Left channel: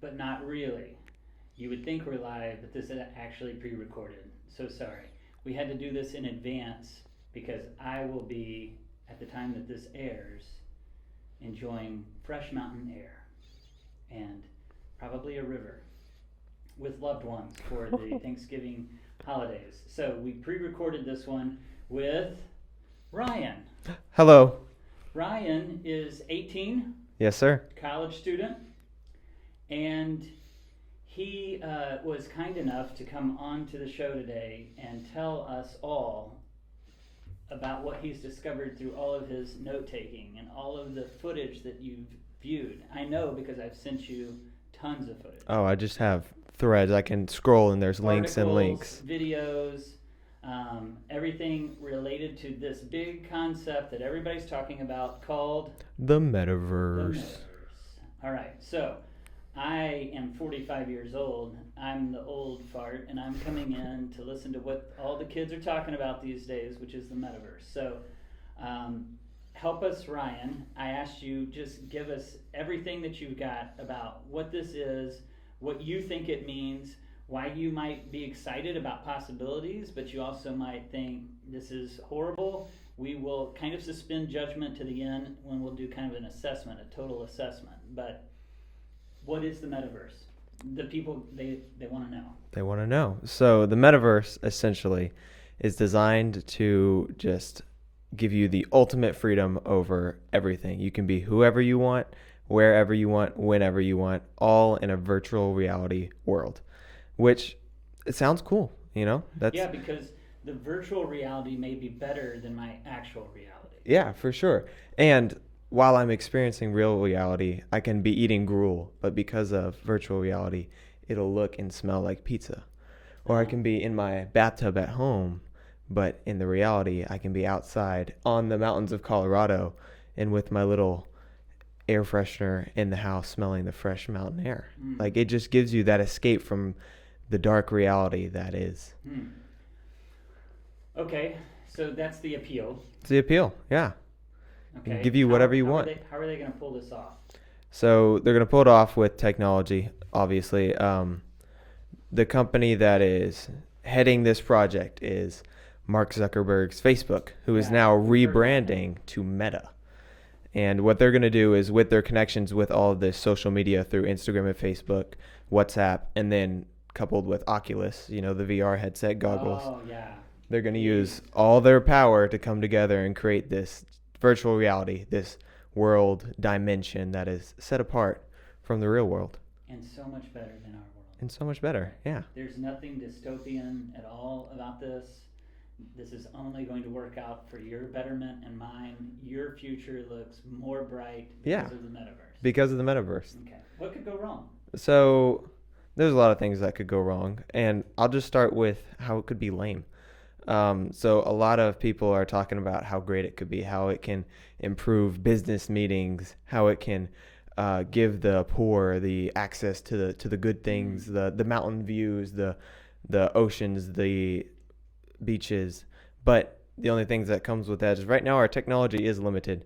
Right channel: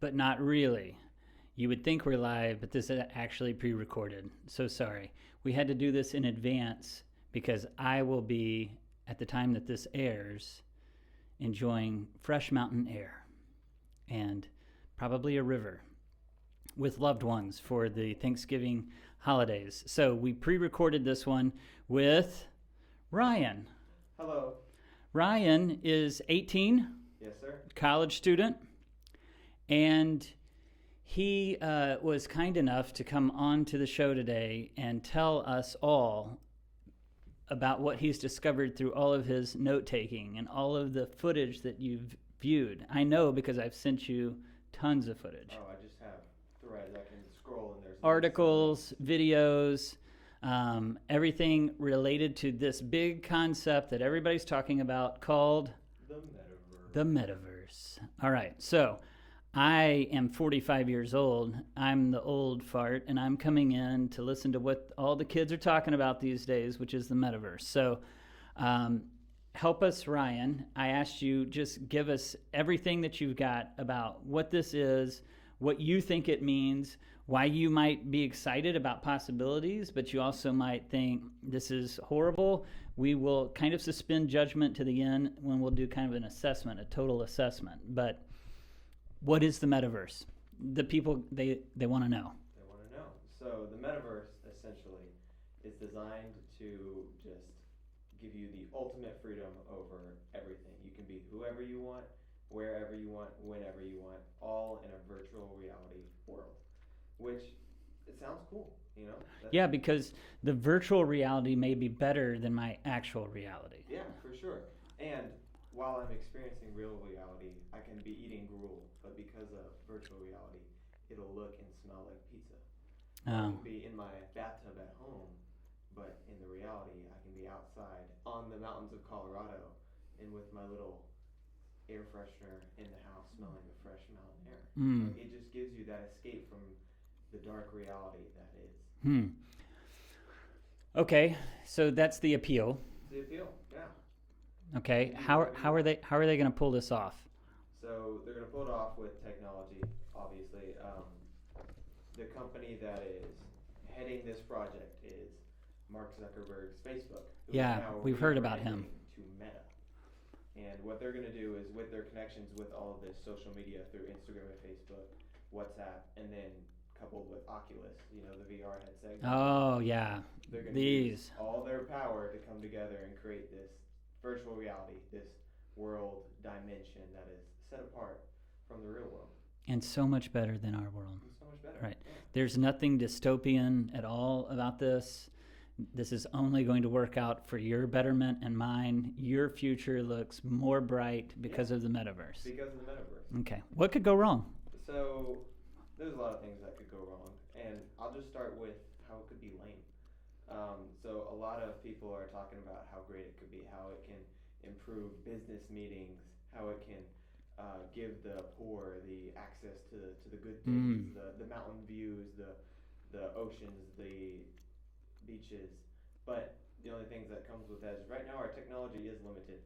but not really. You would think we're live, but this is actually pre-recorded. So sorry. We had to do this in advance because I will be, at the time that this airs, enjoying fresh mountain air and probably a river with loved ones for the Thanksgiving holidays. So we pre-recorded this one with Ryan. Hello. Ryan is 18, Yes, sir. college student, and he was kind enough to come on to the show today and tell us all about what he's discovered through all of his note-taking and all of the footage that you've viewed. I know because I've sent you tons of footage. Oh, I just have threads. I can scroll and there's links and links. Videos, everything related to this big concept that everybody's talking about called The Metaverse. the Metaverse. All right, so I am 45 years old. I'm the old fart, and I'm coming in to listen to what all the kids are talking about these days, which is the Metaverse. So help us, Ryan. I asked you, just give us everything that you've got about what this is, what you think it means, why you might be excited about possibilities, but you also might think this is horrible. We will kind of suspend judgment to the end when we'll do kind of an assessment, a total assessment. But what is the Metaverse? The people, they want to know. They want to know. So the Metaverse essentially is designed to just give you the ultimate freedom over everything. You can be whoever you want, wherever you want, whenever you want, all in a virtual reality world, which it sounds cool, you know? Yeah, because the virtual reality may be better than my actual reality. Yeah, for sure. And while I'm experiencing real reality, I can be eating gruel, but because of virtual reality, it'll look and smell like pizza. Or I can be in my bathtub at home, but in the reality, I can be outside on the mountains of Colorado and with my little air freshener in the house smelling the fresh mountain air. Like, it just gives you that escape from the dark reality that is. Okay, so that's the appeal. It's the appeal, yeah. Okay. Give you whatever you want. How are they going to pull this off? So they're going to pull it off with technology, obviously. The company that is heading this project is Mark Zuckerberg's Facebook, who is now rebranding to Meta. And what they're going to do is, with their connections with all of this social media through Instagram and Facebook, WhatsApp, and then coupled with Oculus, you know, the VR headset goggles. Oh, yeah. They're going to use all their power to come together and create this virtual reality, this world dimension that is set apart from the real world. And so much better than our world. And so much better, Right. yeah. There's nothing dystopian at all about this. This is only going to work out for your betterment and mine. Your future looks more bright because of the Metaverse. Because of the Metaverse. Okay. What could go wrong? So there's a lot of things that could go wrong, and I'll just start with how it could be lame. So a lot of people are talking about how great it could be, how it can improve business meetings, how it can give the poor the access to the good things, the mountain views, the oceans, the beaches. But the only things that comes with that is right now our technology is limited.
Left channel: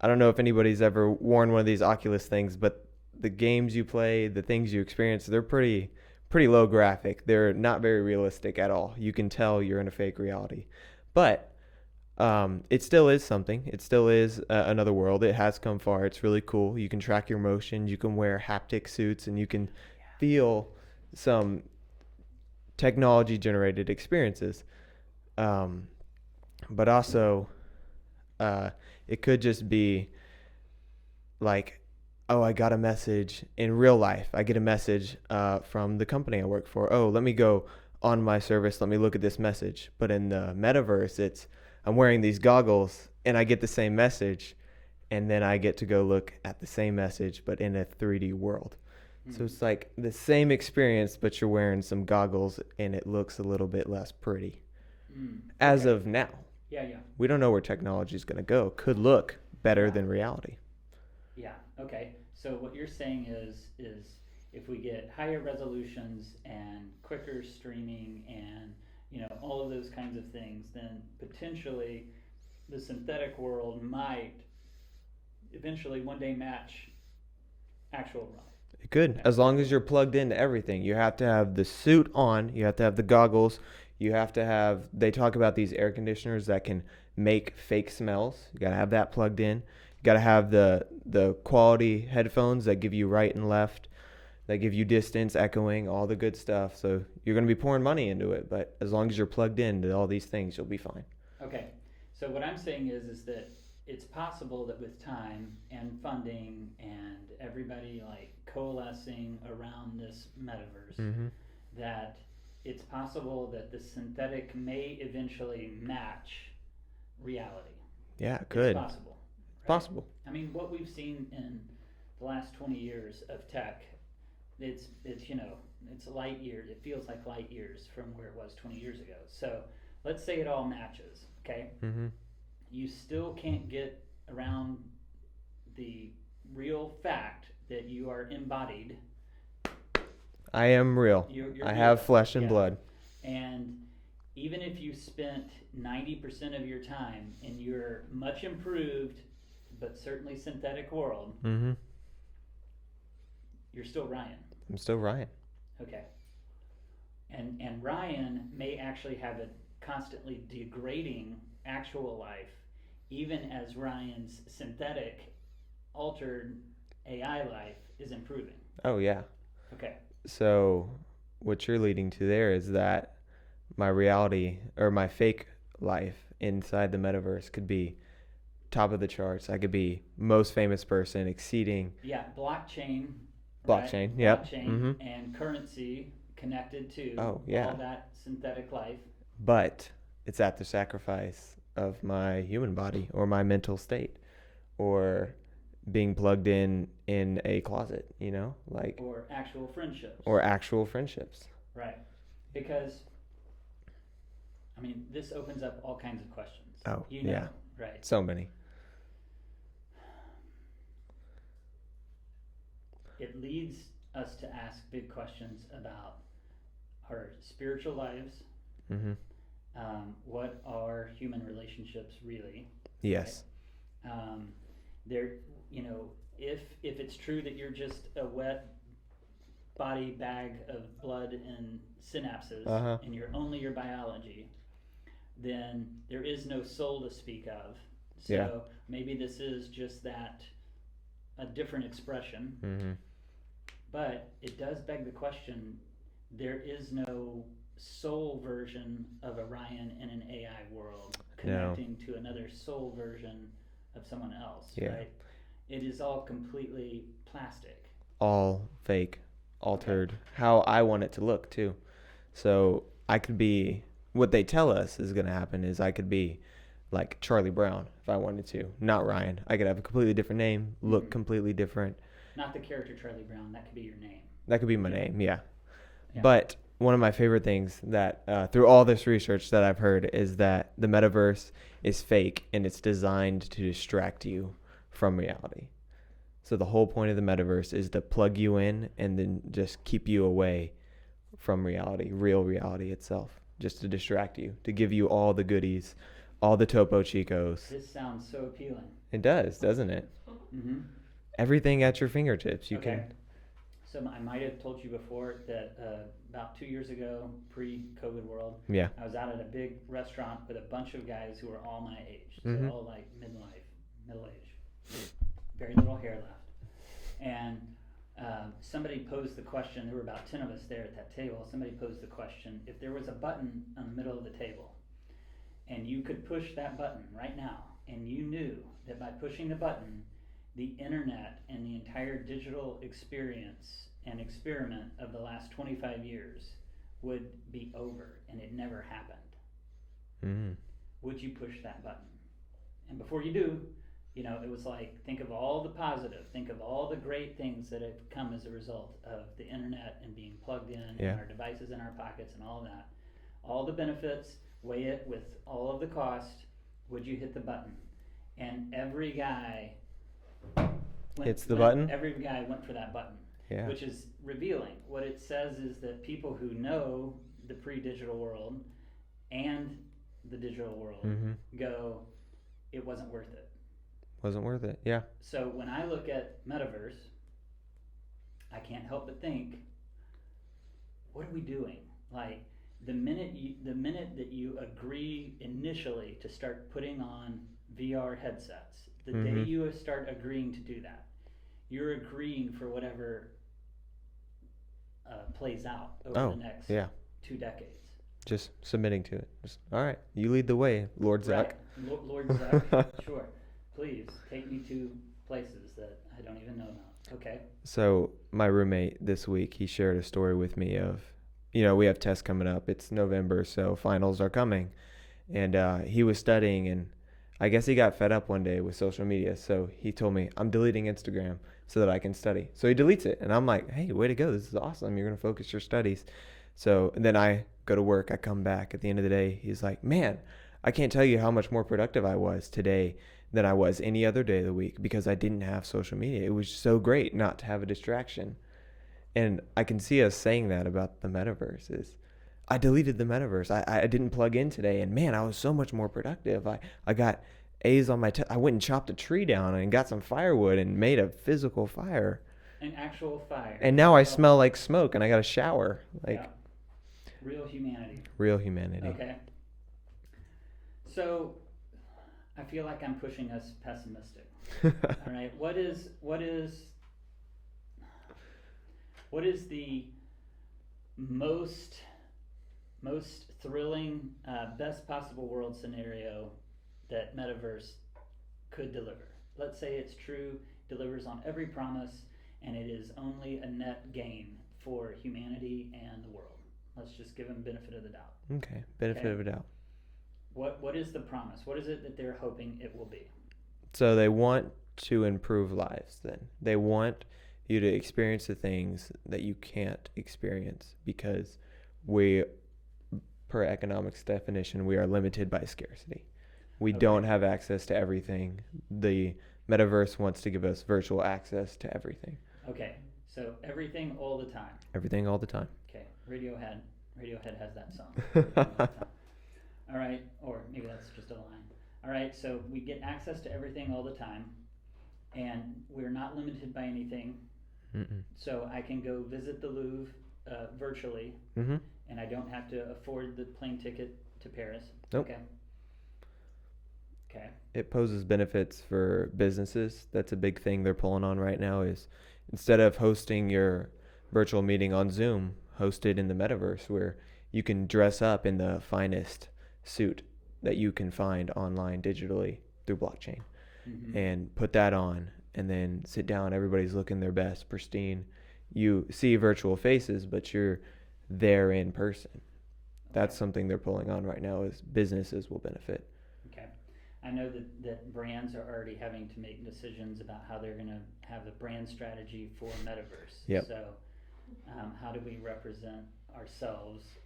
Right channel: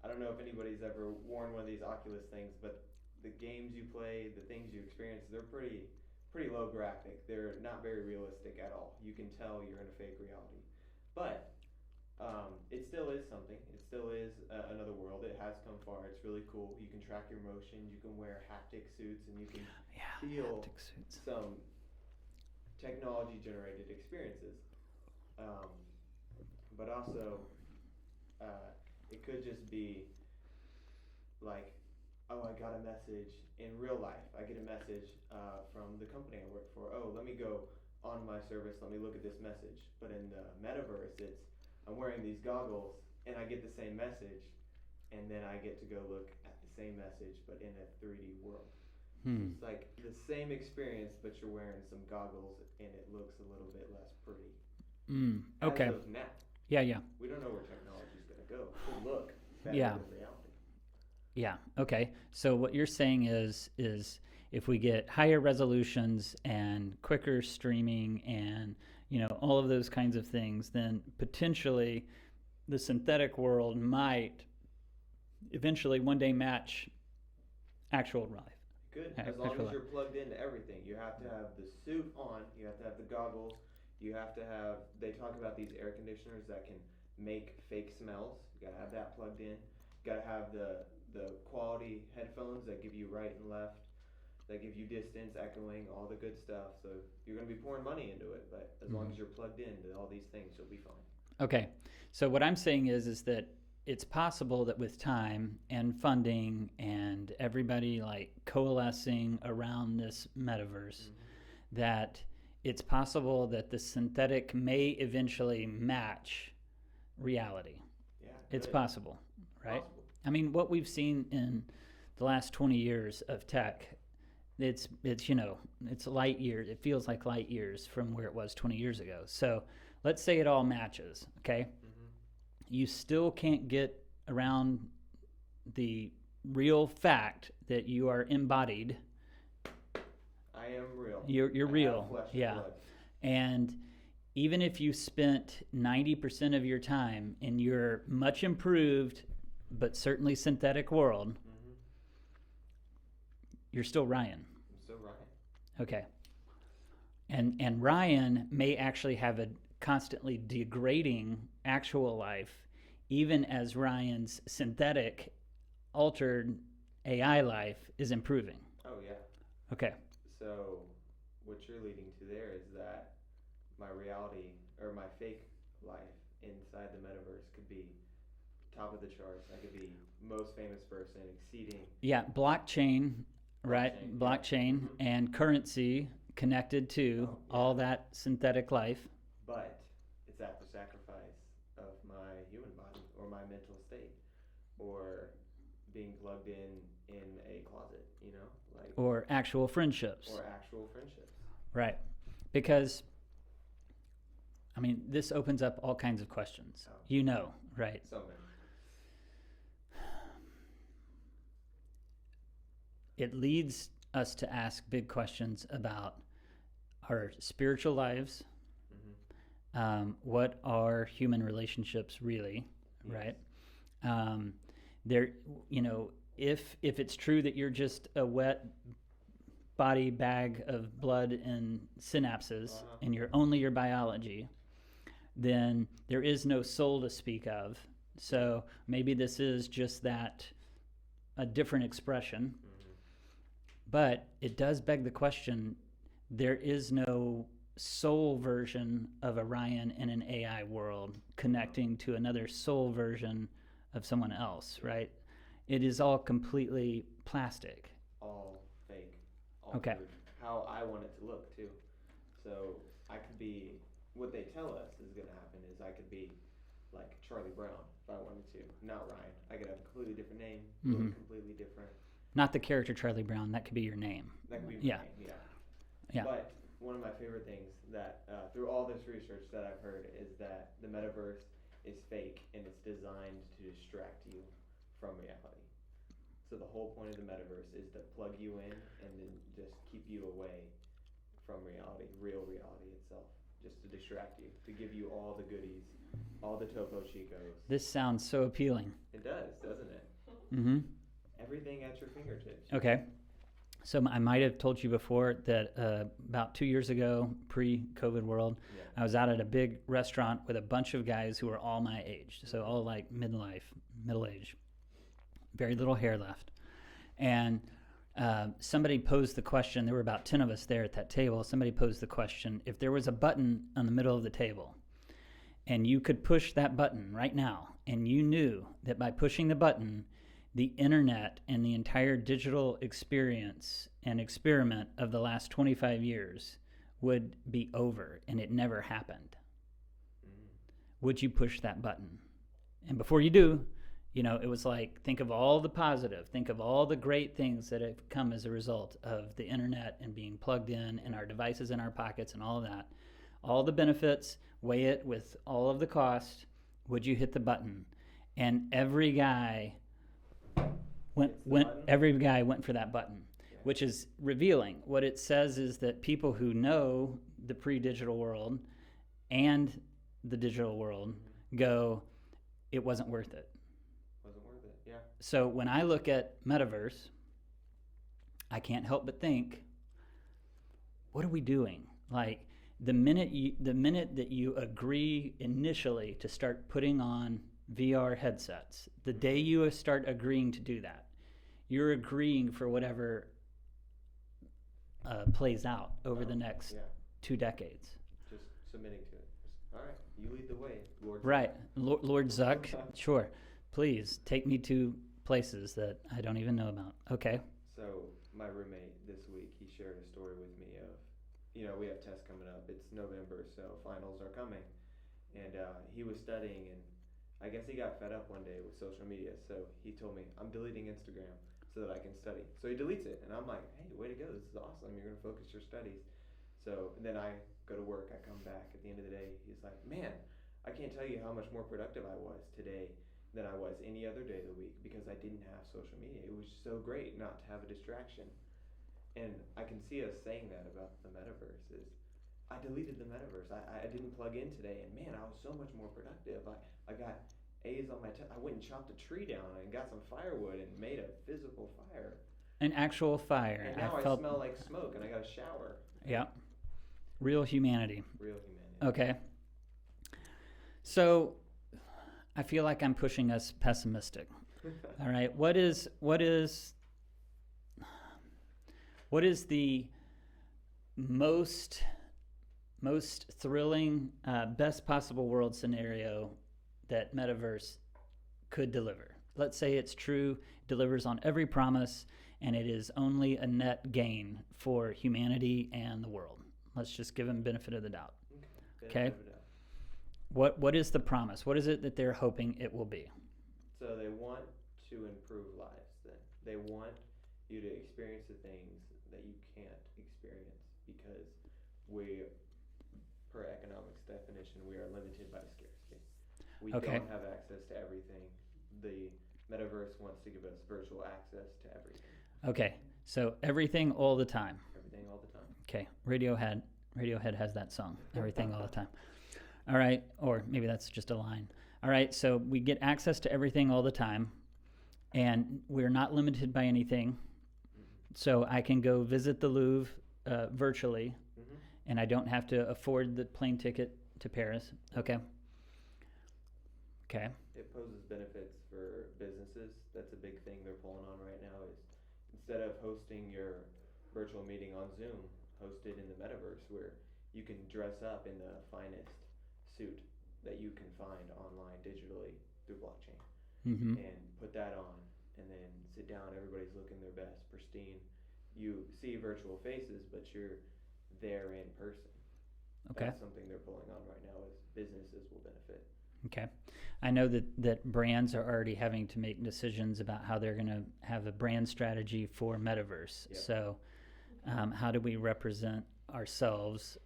I don't know if anybody's ever worn one of these Oculus things, but the games you play, the things you experience, they're pretty low graphic. They're not very realistic at all. You can tell you're in a fake reality. But it still is something. It still is another world. It has come far. It's really cool. You can track your motion. You can wear haptic suits, and you can feel some technology-generated experiences. But also, it could just be like, oh, I got a message in real life. I get a message from the company I work for. Oh, let me go on my service. Let me look at this message. But in the Metaverse, I'm wearing these goggles and I get the same message, and then I get to go look at the same message, but in a 3D world. So it's like the same experience, but you're wearing some goggles and it looks a little bit less pretty. As of now. Yeah. We don't know where technology is going to go. Could look better than reality. Yeah. Okay. So what you're saying is if we get higher resolutions and quicker streaming and all of those kinds of things, then potentially the synthetic world might eventually one day match actual life. You could, as long as you're plugged into everything. You have to have the suit on. You have to have the goggles. You have to have. They talk about these air conditioners that can make fake smells. You gotta have that plugged in. You gotta have the quality headphones that give you right and left, that give you distance, echoing, all the good stuff. So you're gonna be pouring money into it, but as long as you're plugged into all these things, you'll be fine. Okay, so what I'm saying is that it's possible that with time and funding and everybody like coalescing around this metaverse, that it's possible that the synthetic may eventually match reality. Yeah, good. It's possible. Right? Possible. I mean, what we've seen in the last 20 years of tech, it's it's light years. It feels like light years from where it was 20 years ago. So let's say it all matches, okay? You still can't get around the real fact that you are embodied. I am real. You're I real. have flesh and blood. And even if you spent 90% of your time in your much improved, but certainly synthetic world, you're still Ryan. I'm still Ryan. Okay. And Ryan may actually have a constantly degrading actual life, even as Ryan's synthetic, altered AI life is improving. Oh, yeah. Okay. So what you're leading to there is that my reality or my fake life inside the metaverse could be top of the charts. I could be most famous person, exceeding. Yeah, blockchain, Blockchain, right? yep. Blockchain and currency connected to all that synthetic life. But it's at the sacrifice of my human body or my mental state or being plugged in a closet, like or actual friendships. Right. Because I mean, this opens up all kinds of questions. Oh, right? So many. It leads us to ask big questions about our spiritual lives. What are human relationships really? Yes. Right? There, if it's true that you're just a wet body bag of blood and synapses, and you're only your biology, then there is no soul to speak of. So maybe this is just a different expression. But it does beg the question, there is no soul version of a Ryan in an AI world connecting to another soul version of someone else, right? It is all completely plastic. All fake, altered, how I want it to look too. So I could be, what they tell us is going to happen is I could be like Charlie Brown if I wanted to, not Ryan. I could have a completely different name, look completely different. Not the character Charlie Brown, that could be your name. That could be my name, yeah. But one of my favorite things that through all this research that I've heard is that the metaverse is fake and it's designed to distract you from reality. So the whole point of the metaverse is to plug you in and then just keep you away from reality, real reality itself, just to distract you, to give you all the goodies, all the Topo Chicos. This sounds so appealing. It does, doesn't it? Everything at your fingertips. You can. So I might have told you before that about 2 years ago, pre-COVID world, I was out at a big restaurant with a bunch of guys who were all my age. So all like middle age, very little hair left. And somebody posed the question, there were about 10 of us there at that table, somebody posed the question, if there was a button on the middle of the table and you could push that button right now and you knew that by pushing the button, the internet and the entire digital experience and experiment of the last 25 years would be over and it never happened. Would you push that button? And before you do, it was like, think of all the positive, think of all the great things that have come as a result of the internet and being plugged in and our devices in our pockets and all of that. All the benefits, weigh it with all of the cost. Would you hit the button? And every guy every guy went for that button, which is revealing. What it says is that people who know the pre-digital world and the digital world go, it wasn't worth it. Wasn't worth it, yeah. So when I look at Metaverse, I can't help but think, what are we doing? Like the minute that you agree initially to start putting on VR headsets, the day you start agreeing to do that, you're agreeing for whatever plays out over the next 2 decades. Just submitting to it. Just, all right, you lead the way, Lord Zuck. Right, Lord Zuck. Sure, please take me to places that I don't even know about. Okay. So my roommate this week, he shared a story with me of, we have tests coming up. It's November, so finals are coming, and he was studying, and I guess he got fed up one day with social media. So he told me, I'm deleting Instagram so that I can study. So he deletes it, and I'm like, hey, way to go! This is awesome. You're gonna focus your studies. So and then I go to work. I come back at the end of the day. He's like, man, I can't tell you how much more productive I was today than I was any other day of the week because I didn't have social media. It was so great not to have a distraction. And I can see us saying that about the metaverse is, I deleted the metaverse. I didn't plug in today, and man, I was so much more productive. I got A's on my test. I went and chopped a tree down and got some firewood and made a physical fire. An actual fire. And now I smell like smoke, and I got a shower. Real humanity. Real humanity. Okay. So I feel like I'm pushing us pessimistic. All right. What is the most thrilling, best possible world scenario that Metaverse could deliver? Let's say it's true, delivers on every promise, and it is only a net gain for humanity and the world. Let's just give them benefit of the doubt. Okay, benefit of the doubt. What is the promise? What is it that they're hoping it will be? So they want to improve lives then. They want you to experience the things that you can't experience because per economics definition, we are limited by scarcity. We don't have access to everything. The metaverse wants to give us virtual access to everything. Okay, so everything all the time. Everything all the time. Okay, Radiohead has that song, everything all the time. All right, or maybe that's just a line. All right, so we get access to everything all the time, and we're not limited by anything. So I can go visit the Louvre virtually, and I don't have to afford the plane ticket to Paris. Nope. Okay. It poses benefits for businesses. That's a big thing they're pulling on right now is instead of hosting your virtual meeting on Zoom, host it in the metaverse where you can dress up in the finest suit that you can find online digitally through blockchain and put that on and then sit down. Everybody's looking their best, pristine. You see virtual faces, but you're there in person. That's something they're pulling on right now is businesses will benefit. Okay. I know that brands are already having to make decisions about how they're going to have a brand strategy for Metaverse. Yep. So how do we represent ourselves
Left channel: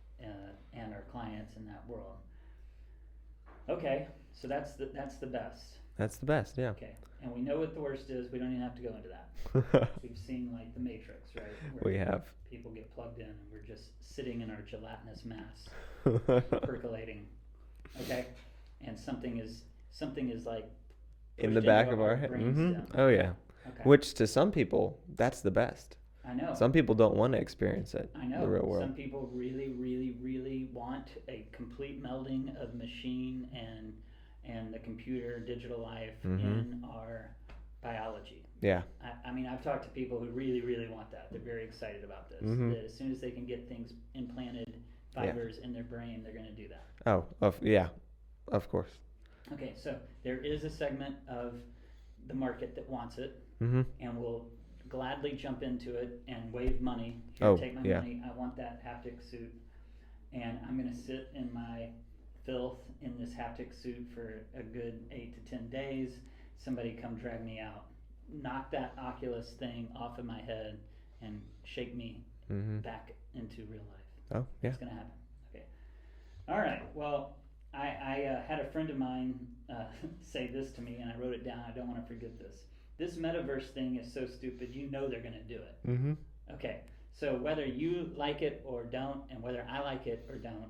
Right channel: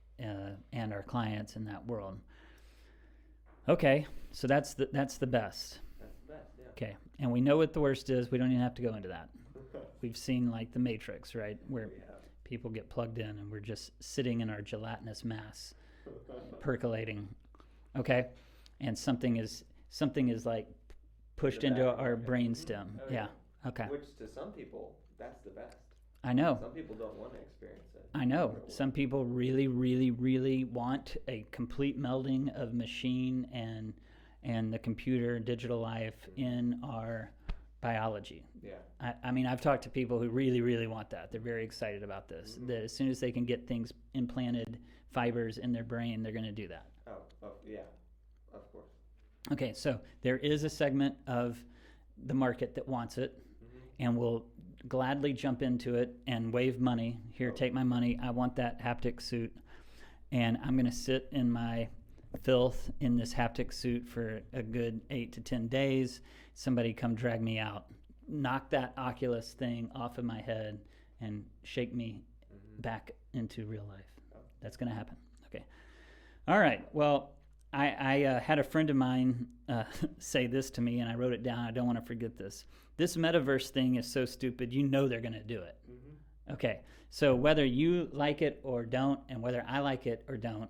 and our clients in that world? Okay, so that's the best. That's the best, yeah. Okay, and we know what the worst is. We don't even have to go into that. We've seen like The Matrix, right? Where we have. People get plugged in and we're just sitting in our gelatinous mass, percolating. Okay, and something is like pushed in the back into of our head. brainstem. Oh yeah. Okay. Which to some people, that's the best. I know. Some people don't want to experience it. I know. In the real world. Some people really, really, really want a complete melding of machine and the computer digital life in our biology. Yeah. I mean, I've talked to people who really, really want that. They're very excited about this. That as soon as they can get things implanted, fibers in their brain, they're going to do that. Oh, of course. Okay, so there is a segment of the market that wants it and will gladly jump into it and wave money. Here, take my money. I want that haptic suit. And I'm going to sit in my filth in this haptic suit for a good 8 to 10 days. Somebody come drag me out, knock that Oculus thing off of my head and shake me back into real life. Oh, yeah. That's going to happen. Okay. All right. Well, I had a friend of mine say this to me, and I wrote it down. I don't want to forget this. This metaverse thing is so stupid. You know they're going to do it. Okay. So whether you like it or don't, and whether I like it or don't,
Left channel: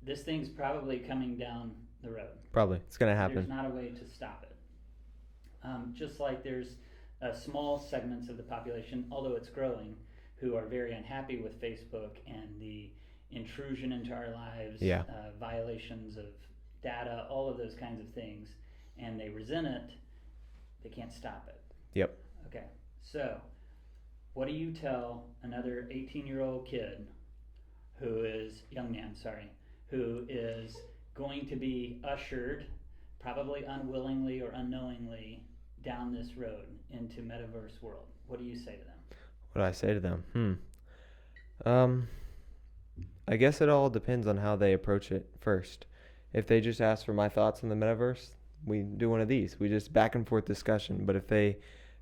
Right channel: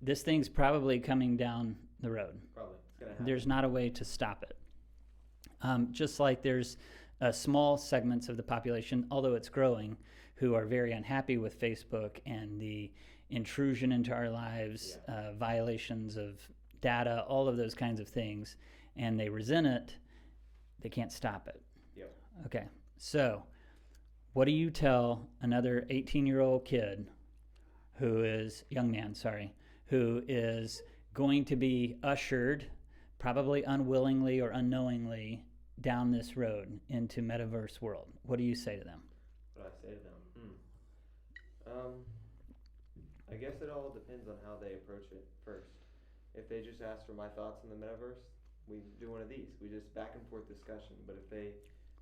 this thing's probably coming down the road. Probably. It's going to happen. There's not a way to stop it. Just like there's small segments of the population, although it's growing, who are very unhappy with Facebook and the intrusion into our lives, Yeah. violations of data, all of those kinds of things, and they resent it. They can't stop it. Yep. Okay, so what do you tell another 18-year-old kid young man, who is going to be ushered, probably unwillingly or unknowingly, down this road into Metaverse world? What do you say to them? What do I say to them? I guess it all depends on how they approach it first. If they just ask for my thoughts on the metaverse, we do one of these. We just back and forth discussion. But if they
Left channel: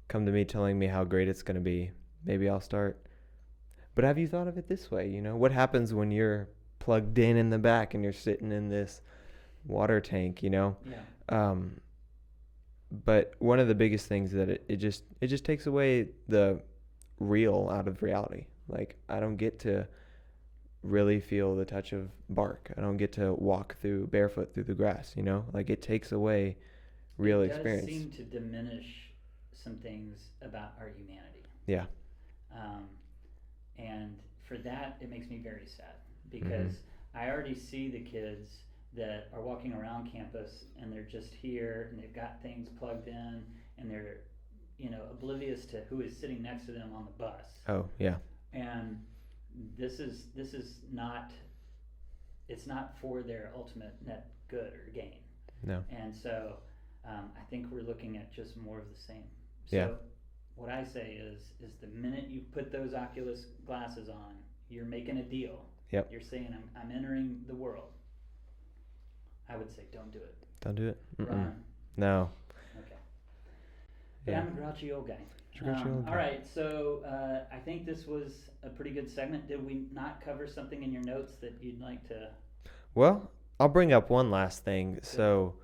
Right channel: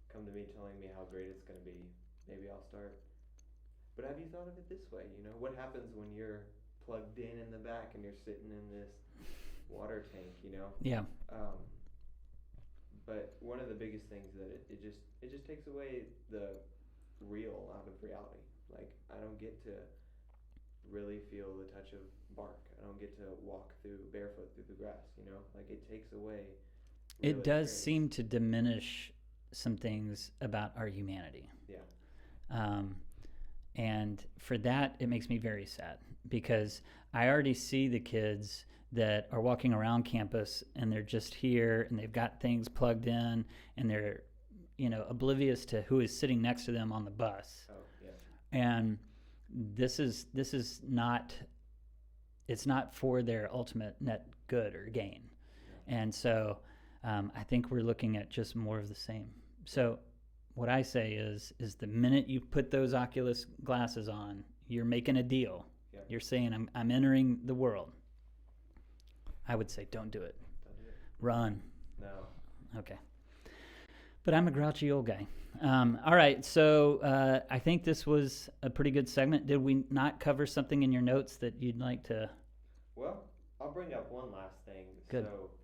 come to me telling me how great it's going to be, maybe I'll start. But have you thought of it this way? What happens when you're plugged in the back and you're sitting in this water tank, Yeah. But one of the biggest things that it just takes away the real out of reality. Like, I don't get to really feel the touch of bark. I don't get to walk barefoot through the grass, Like, it takes away real experience. It does seem to diminish some things about our humanity. Yeah. And for that, it makes me very sad, because I already see the kids that are walking around campus and they're just here and they've got things plugged in and they're, oblivious to who is sitting next to them on the bus. Oh, yeah. And this is not, it's not for their ultimate net good or gain. No. And so I think we're looking at just more of the same. So Yeah. what I say is the minute you put those Oculus glasses on, you're making a deal. Yep. You're saying, I'm entering the world. I would say, don't do it. Don't do it. Run. No. Okay. But Yeah. I'm a grouchy old guy. Grouchy old All guy. right, so I think this was a pretty good segment. Did we not cover something in your notes that you'd like to? Well, I'll bring up one last thing. So,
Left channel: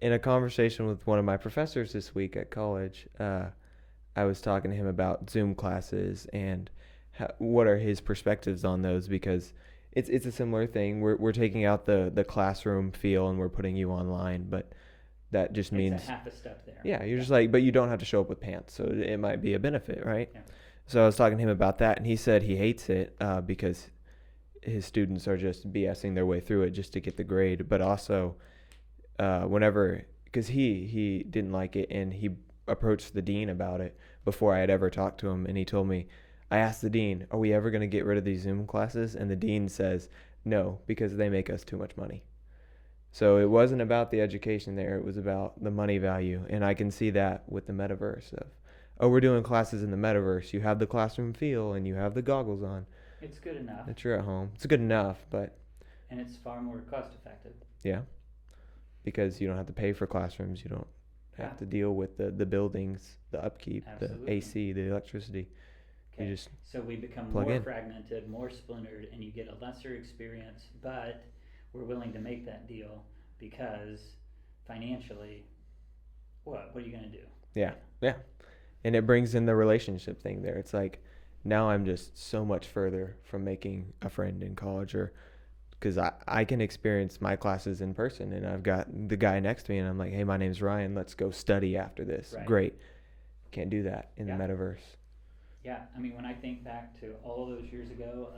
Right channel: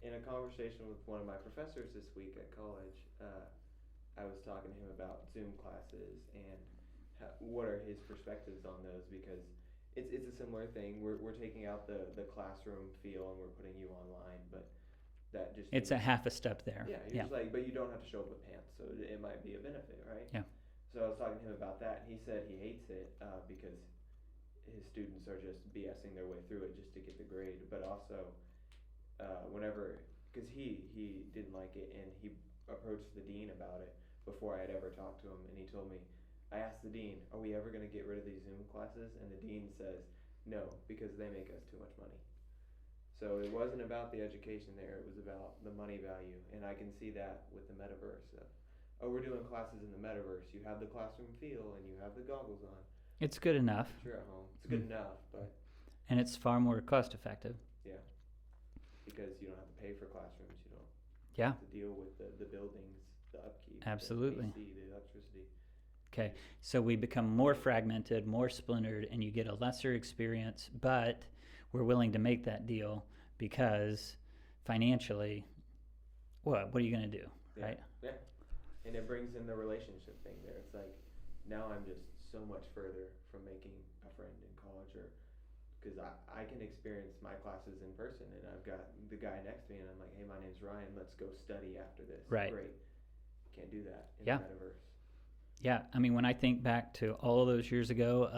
in a conversation with one of my professors this week at college, I was talking to him about Zoom classes and what are his perspectives on those, because it's a similar thing. We're taking out the classroom feel and we're putting you online, but that just means It's a half a step there. yeah, you're just like, but you don't have to show up with pants, so it might be a benefit, right? Yeah. So I was talking to him about that, and he said he hates it because his students are just BSing their way through it just to get the grade, but also because he didn't like it, and he approached the dean about it before I had ever talked to him, and he told me, I asked the dean, are we ever going to get rid of these Zoom classes? And the dean says, no, because they make us too much money. So it wasn't about the education there, it was about the money value, and I can see that with the metaverse of, oh, we're doing classes in the metaverse, you have the classroom feel and you have the goggles on. It's good enough. But you're at home. It's good enough, but And it's far more cost effective. yeah, because you don't have to pay for classrooms, you don't Yeah. have to deal with the buildings, the upkeep, Absolutely. the AC, the electricity. Okay. You just So we become plug more in. fragmented, more splintered, and you get a lesser experience, but we're willing to make that deal because financially, what are you going to do? Yeah, yeah. And it brings in the relationship thing there. It's like, now I'm just so much further from making a friend in college, or because I can experience my classes in person, and I've got the guy next to me, and I'm like, hey, my name's Ryan. Let's go study after this. Right. Great. Can't do that in Yeah. the metaverse. Yeah, I mean, when I think back to all of those years ago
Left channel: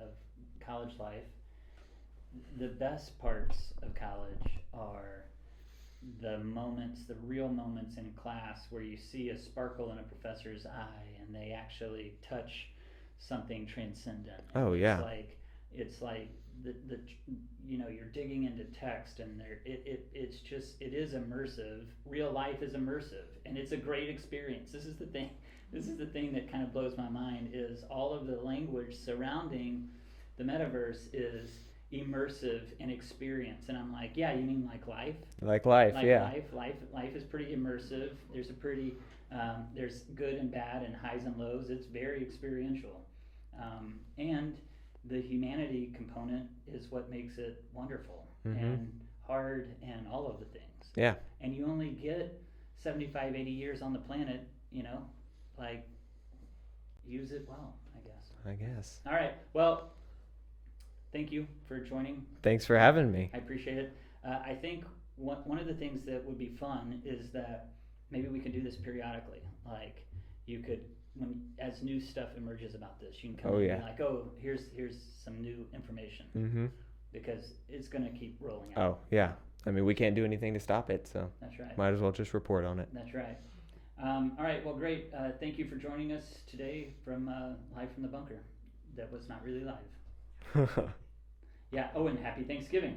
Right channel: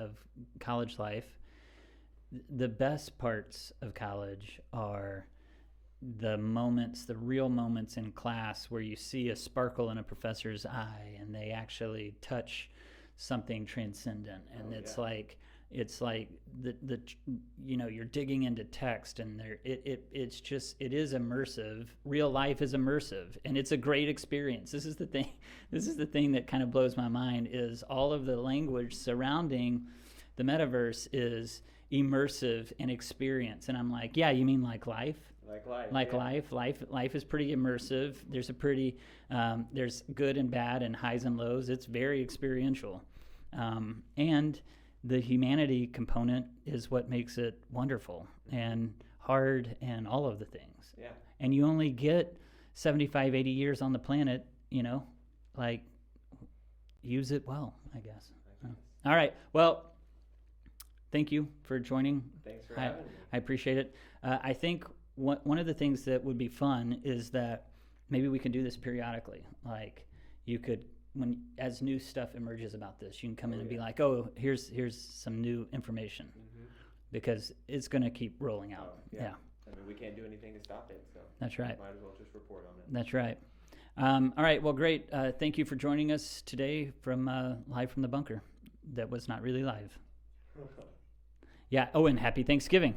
of college life, the best parts of college are the moments, the real moments in class where you see a sparkle in a professor's eye and they actually touch something transcendent. And Oh, yeah. It's like the you're digging into text, and it is immersive. Real life is immersive, and it's a great experience. This is the thing that kind of blows my mind, is all of the language surrounding the metaverse is immersive and experience. And I'm like, yeah, you mean like life? Like life, Like yeah. life is pretty immersive. There's a pretty there's good and bad and highs and lows. It's very experiential, and the humanity component is what makes it wonderful and hard and all of the things. Yeah. And you only get 75, 80 years on the planet, like, use it well, I guess. I guess. All right. Well, thank you for joining. Thanks for having me. I appreciate it. I think one of the things that would be fun is that maybe we can do this periodically. like you could, when as new stuff emerges about this, you can come Oh, in and yeah. be like, oh, here's some new information, Mm-hmm. because it's going to keep rolling out. Oh, yeah. I mean, we can't do anything to stop it, so That's right. might as well just report on it. That's right. All right. Well, great. Thank you for joining us today from live from the bunker. That was not really live. Yeah. Oh, and happy Thanksgiving.